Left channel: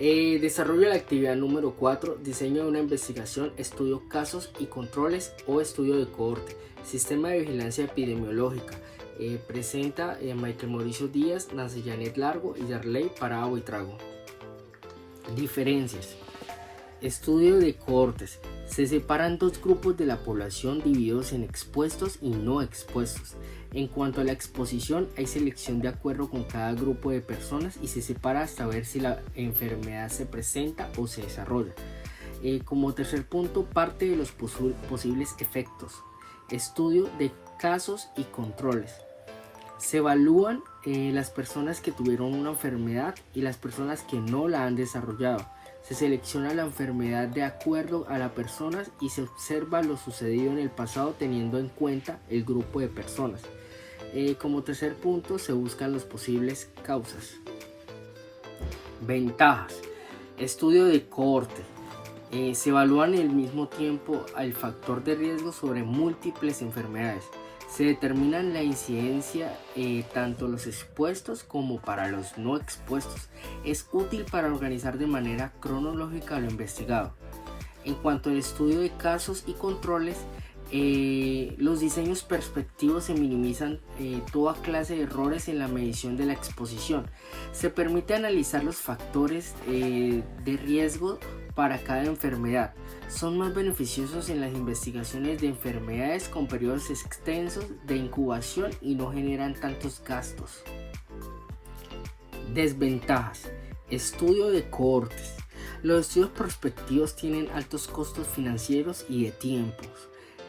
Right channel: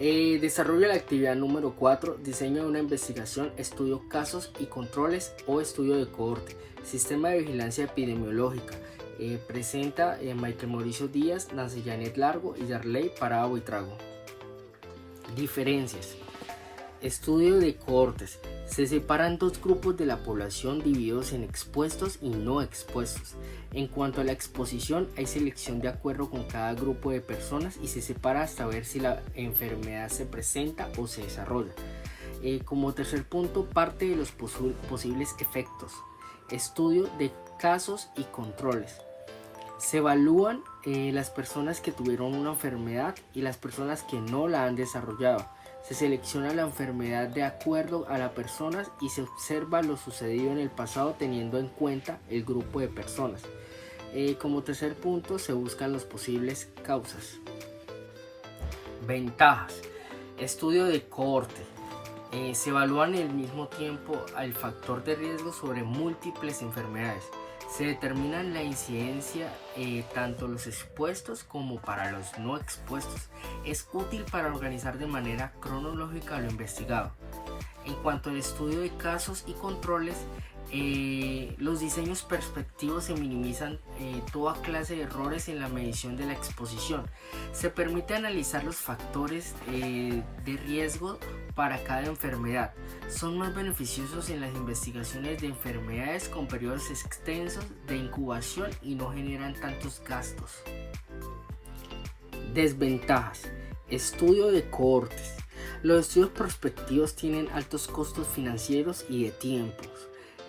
Desarrollo de la actividad número 4, diseño de una investigación, estudio casos y controles o estudio de cohorte, sistema de vigilancia epidemiológica. Presenta Michael Mauricio Díaz, Nancy Janet Largo y Yarley Parada Buitrago. Diferencias. Estudio de cohortes. Se separan dos grupos de la población divididos en expuestos y no expuestos. En cuanto a la exposición, hay selección de acuerdo con cada grupo de personas y se separa hasta ver si la enfermedad se presenta o se desarrolla. Como tercer punto, parte de los posibles efectos. Estudio de casos y controles. Se evalúan las personas que tuvieron una enfermedad y las personas que no la han desarrollado. Se selecciona la enfermedad de acuerdo a las personas y se observa lo sucedido en el pasado teniendo en cuenta el grupo de personas. Como tercer punto, se buscan las posibles causas. Ventajas. Estudio de cohorte. Se evalúan al mismo tiempo el factor de riesgo sobre múltiples enfermedades. Se determina la incidencia tanto los expuestos como para los no expuestos. Es útil para organizar de manera cronológica lo investigado. En cuanto al estudio de casos y controles, los diseños perspectivos se minimizan toda clase de errores en la medición de la exposición. Se permite analizar los factores de riesgo para cada enfermedad. Son más beneficiosos en las investigaciones de enfermedades con periodos extensos de incubación y no generan tantos gastos. Desventajas. Estudio de cohortes. Los estudios prospectivos tienen altos costos financieros y de tiempos.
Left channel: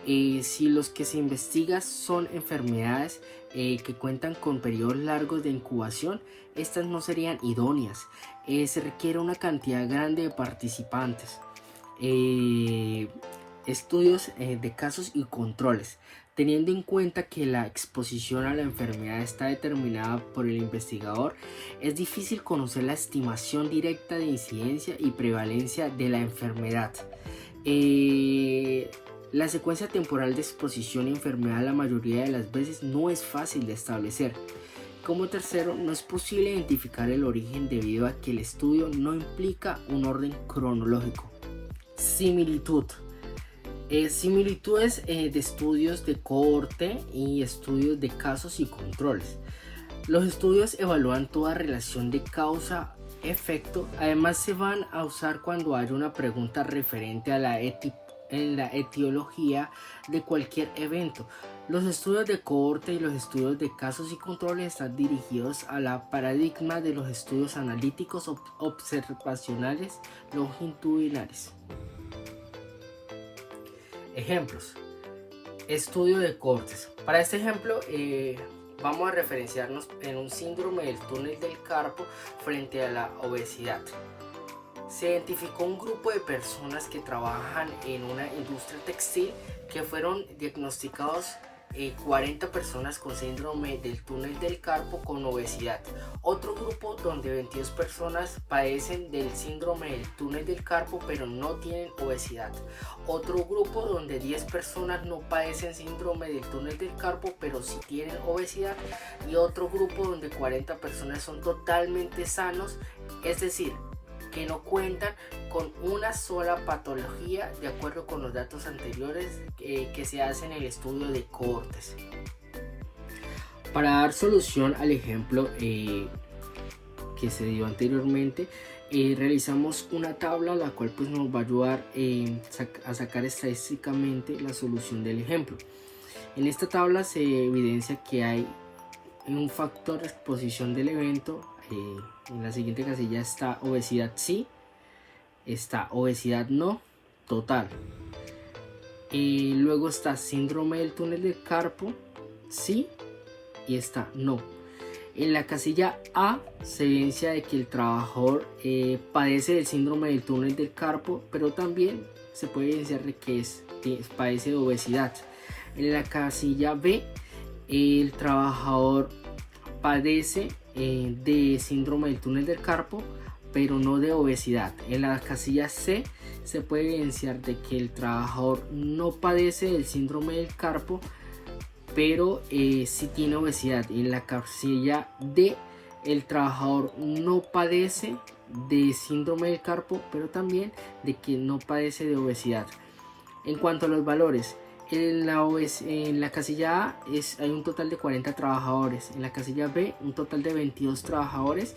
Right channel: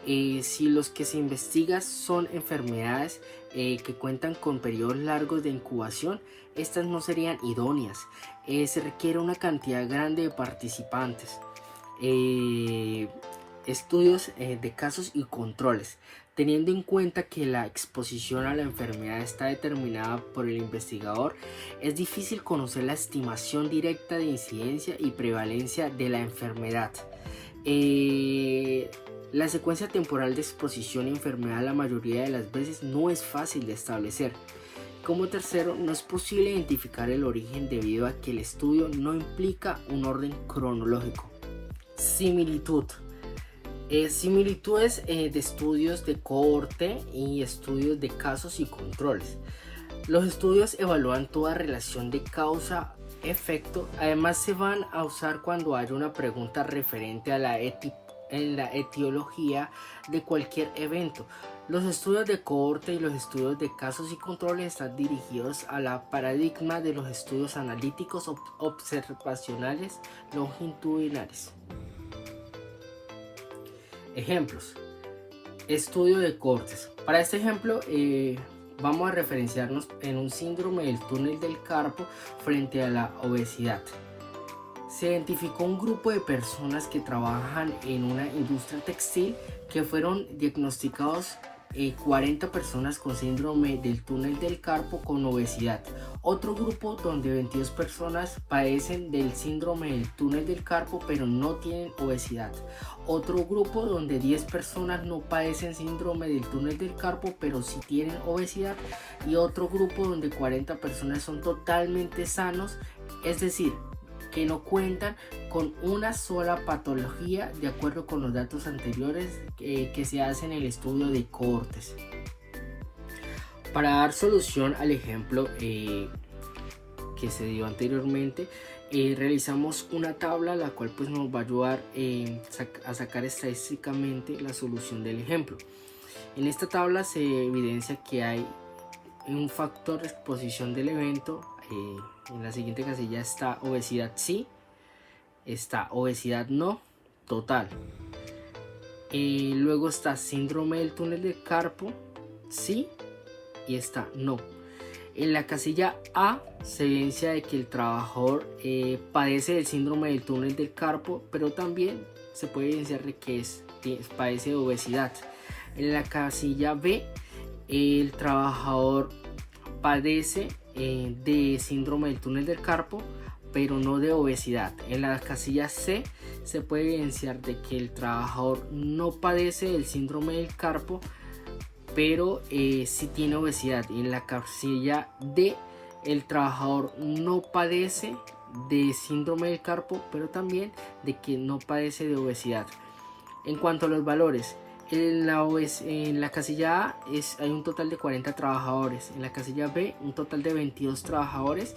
Si los que se investigan son enfermedades que cuentan con periodos largos de incubación, estas no serían idóneas. Se requiere una cantidad grande de participantes. Estudios de casos y controles. Teniendo en cuenta que la exposición a la enfermedad está determinada por el investigador, es difícil conocer la estimación directa de incidencia y prevalencia de la enfermedad. La secuencia temporal de exposición y enfermedad la mayoría de las veces no es fácil de establecer. Como tercero, no es posible identificar el origen debido a que el estudio no implica un orden cronológico. Similitud. Similitudes de estudios de cohorte y estudios de casos y controles. Los estudios evalúan toda relación de causa-efecto. Además, se van a usar cuando haya una pregunta referente a la etiología de cualquier evento. Los estudios de cohorte y los estudios de casos y controles están dirigidos a la paradigma de los estudios analíticos observacionales longitudinales. Ejemplos. Estudio de cohortes. Para este ejemplo vamos a referenciarnos en un síndrome del túnel del carpo frente a la obesidad. Se identificó un grupo de personas que trabajan en una industria textil que fueron diagnosticados 40 personas con síndrome del túnel del carpo con obesidad. Otro grupo donde 22 personas padecen del síndrome del túnel del carpo pero no tienen obesidad. Otro grupo donde 10 personas no padecen síndrome del túnel del carpo pero sí tienen obesidad. Y otro grupo donde 40 personas son totalmente sanos, es decir, que no cuentan con una sola patología de acuerdo con los datos anteriores que se hacen en el estudio de cohortes. Para dar solución al ejemplo que se dio anteriormente, realizamos una tabla la cual pues nos va a ayudar a sacar estadísticamente la solución del ejemplo. En esta tabla se evidencia que hay un factor de exposición del evento. En la siguiente casilla está obesidad sí, está obesidad no, total. Luego está síndrome del túnel del carpo, sí, y está no. En la casilla A se evidencia de que el trabajador padece del síndrome del túnel del carpo, pero también se puede evidenciar de que padece de obesidad. En la casilla B, el trabajador padece de síndrome del túnel del carpo, pero no de obesidad. En la casilla C se puede evidenciar de que el trabajador no padece del síndrome del carpo, pero sí tiene obesidad. Y en la casilla D el trabajador no padece de síndrome del carpo, pero también de que no padece de obesidad. En cuanto a los valores, en la casilla A hay un total de 40 trabajadores, en la casilla B un total de 22 trabajadores,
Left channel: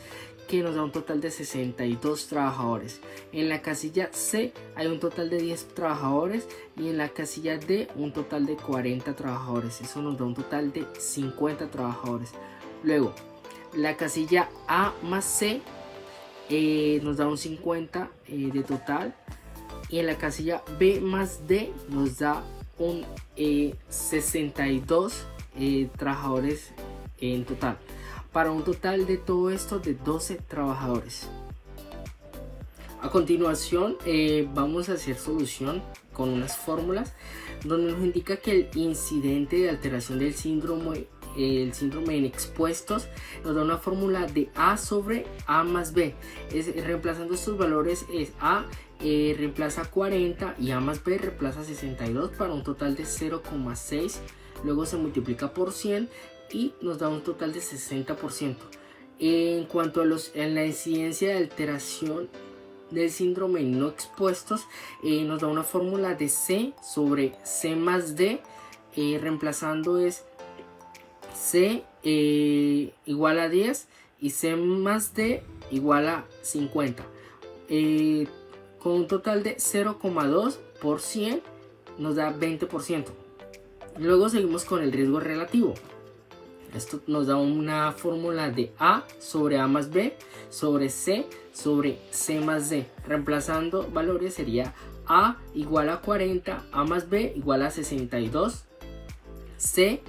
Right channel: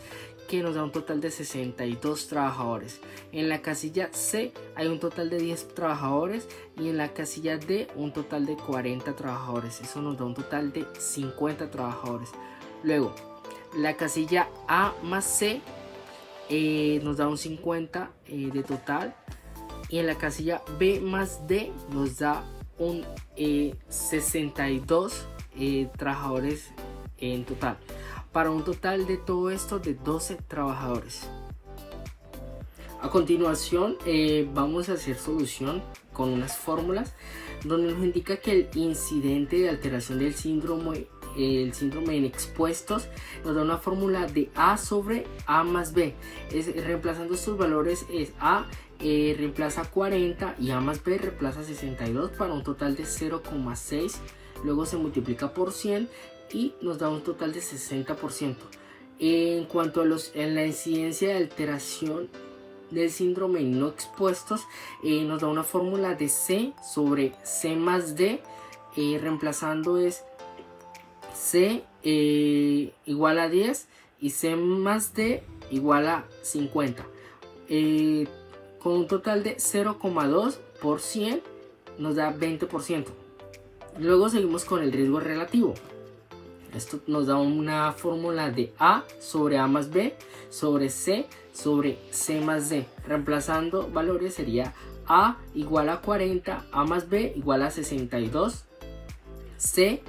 que nos da un total de 62 trabajadores. En la casilla C hay un total de 10 trabajadores y en la casilla D un total de 40 trabajadores. Eso nos da un total de 50 trabajadores. Luego, la casilla A más C nos da un 50 de total, y en la casilla B más D nos da un 62 trabajadores en total, para un total de todo esto de 12 trabajadores. A continuación vamos a hacer solución con unas fórmulas donde nos indica que el incidente de alteración del síndrome en expuestos nos da una fórmula de A sobre A más B. Reemplazando estos valores, es A reemplaza 40 y A más B reemplaza 62 para un total de 0,6. Luego se multiplica por 100 y nos da un total de 60%. En cuanto a la incidencia de alteración del síndrome en no expuestos, nos da una fórmula de C sobre C más D, reemplazando es C igual a 10 y C más D igual a 50, con un total de 0,2 por 100 nos da 20%. Luego seguimos con el riesgo relativo. Esto nos da una fórmula de A sobre A más B sobre C más D. Reemplazando valores sería A igual a 40, A más B igual a 62, C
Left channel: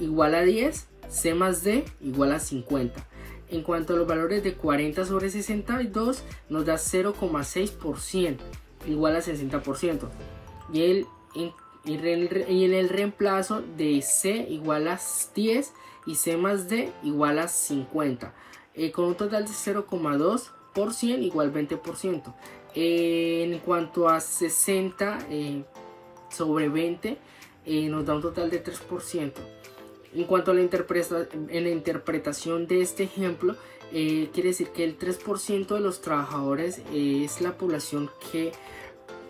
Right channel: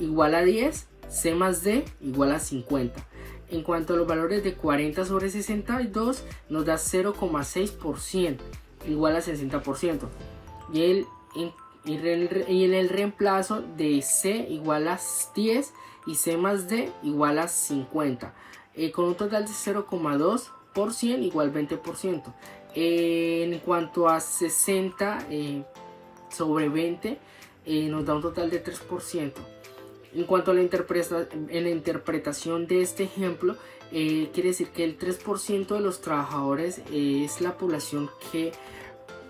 igual a 10, C más D igual a 50. En cuanto a los valores de 40 sobre 62 nos da 0,6% igual a 60%. Y en el reemplazo de C igual a 10 y C más D igual a 50, con un total de 0,2% igual 20%. En cuanto a 60 sobre 20 nos da un total de 3%. En cuanto a la interpretación de este ejemplo, quiere decir que el 3% de los trabajadores es la población que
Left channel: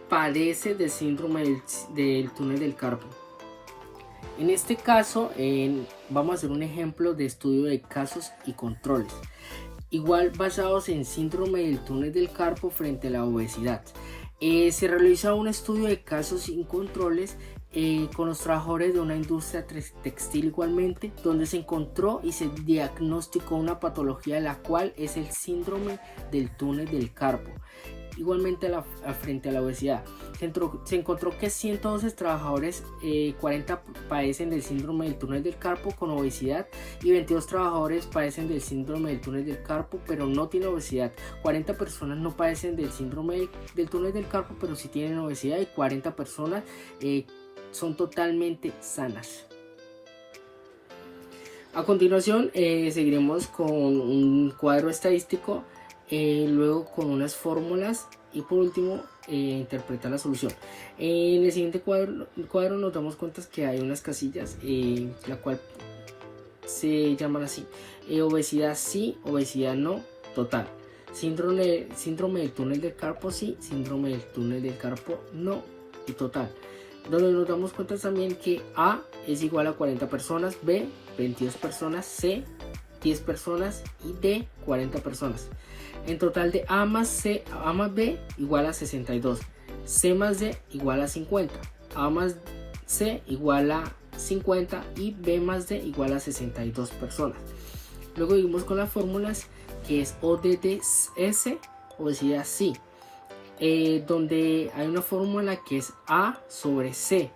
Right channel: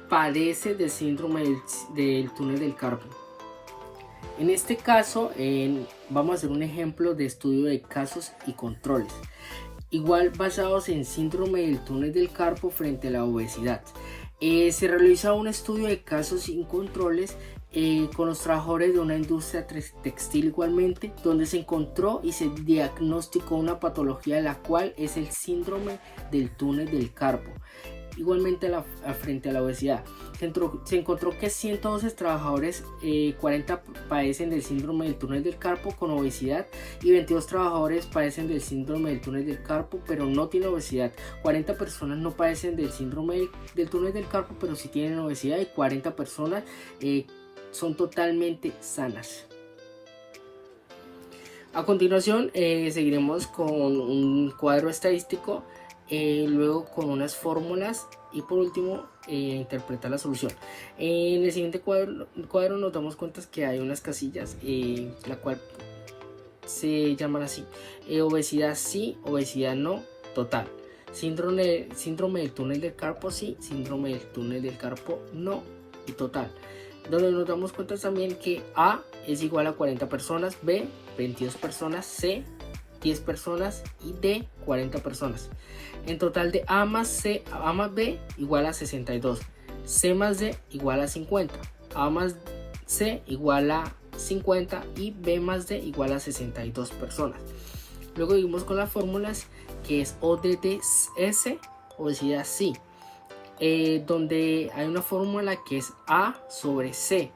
padece del síndrome del túnel del carpo. En este caso vamos a hacer un ejemplo de estudio de casos y controles, igual basados en síndrome del túnel del carpo frente a la obesidad. Se realiza un estudio de casos y controles con los trabajadores de una industria textil igualmente, donde se encontró y se diagnosticó una patología de la cual es el síndrome del túnel del carpo. Igualmente frente a la obesidad, se encontró que 112 trabajadores, 40 padecen del síndrome del túnel del carpo con obesidad y 22 trabajadores padecen del síndrome del túnel del carpo pero no tienen obesidad. 40 personas no padecen del síndrome del túnel del carpo pero sí tienen obesidad, y 40 personas son totalmente sanas. A continuación seguiremos con un cuadro estadístico, luego con unas fórmulas y por último interpretar la solución. En el siguiente cuadro nos damos cuenta que hay unas casillas, la cual se llaman así: obesidad sí, obesidad no, total. Síndrome del túnel del carpo sí, síndrome del túnel del carpo no y total. Donde nos damos cuenta también que A es igual a 40 personas, B 22 personas, C 10 personas y D 40 personas. En total de A más B igual a 62, C más D igual a 50, A más C igual a 50 y B más D igual a 62 personas. Luego seguimos con las fórmulas, que es ODDS, obesidad sí, donde hay una fórmula que es A sobre C,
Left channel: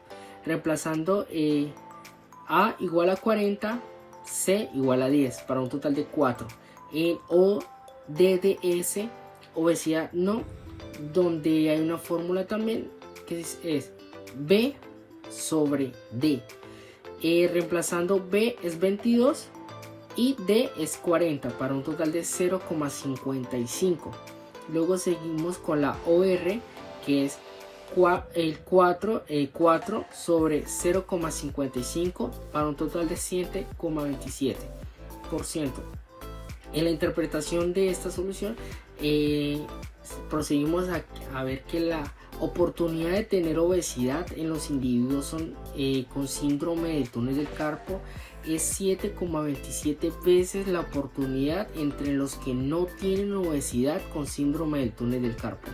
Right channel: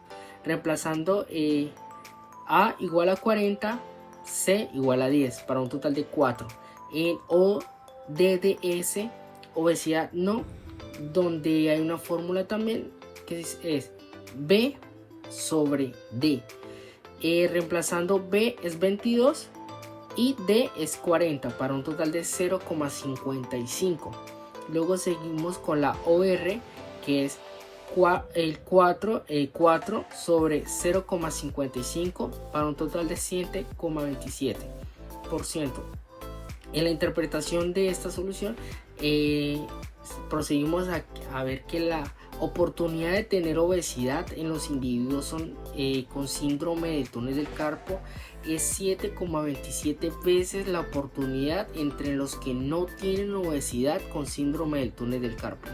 reemplazando A igual a 40, C igual a 10 para un total de 4. En ODDS, obesidad no, donde hay una fórmula también que es B sobre D, reemplazando B es 22 y D es 40 para un total de 0,55. Luego seguimos con la OR, que es el 4 sobre 0,55 para un total de 7,27%. En la interpretación de esta solución, procedimos a ver que la oportunidad de tener obesidad en los individuos con síndrome del túnel del carpo es 7,27 veces la oportunidad entre los que no tienen obesidad con síndrome del túnel del carpo.